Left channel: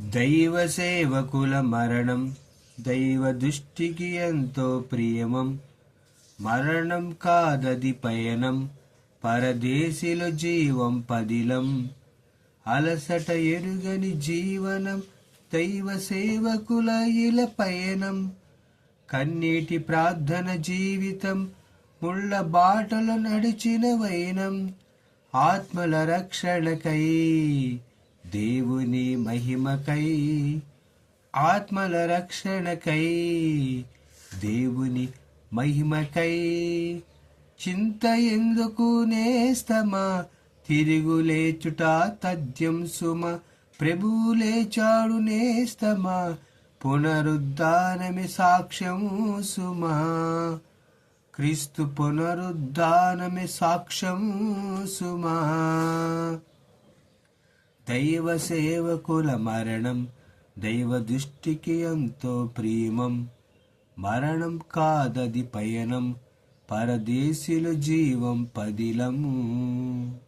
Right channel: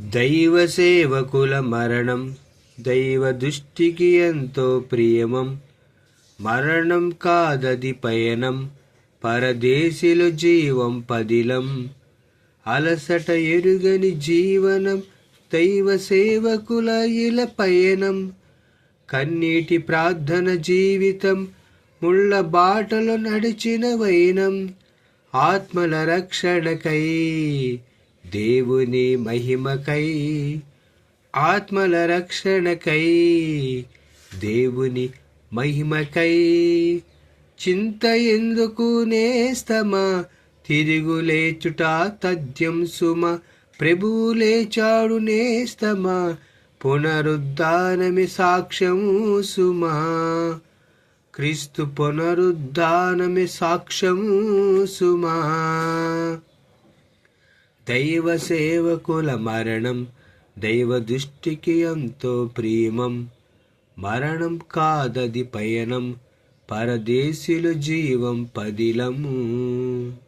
దైవ సేవకుల మరణం దైవ దృష్టికి ఎంతో ప్రియమం. మరణం కాదది పయనం, పరదేశిలో జీవం పదిలం. అలసట ఎరుగని జీవనం, దైవ సేవకుల ఇల పయనం. కన్నీటి ప్రార్థన జీవితం, ముళ్ళ బాటలో నడిచిన వైనం. ఆత్మల రక్షణకై, దేవుని మహిమకై. ఆత్మల రక్షణకై, దేవుని మహిమకై. చింత ఎందుకు నేస్తమా, తిరుగులేచుట తథ్యం సుమ. ప్రభువు లేచాడు నేస్తమా, పునరుద్ధానమే సాక్ష్యం సుమా. క్రీస్తు పునరుద్ధానమే సాక్ష్యం సుమా. దైవ సేవకుల మరణం దైవ దృష్టికి ఎంతో ప్రియమం. మరణం కాదది పయనం, పరదేశిలో జీవం పదిలము.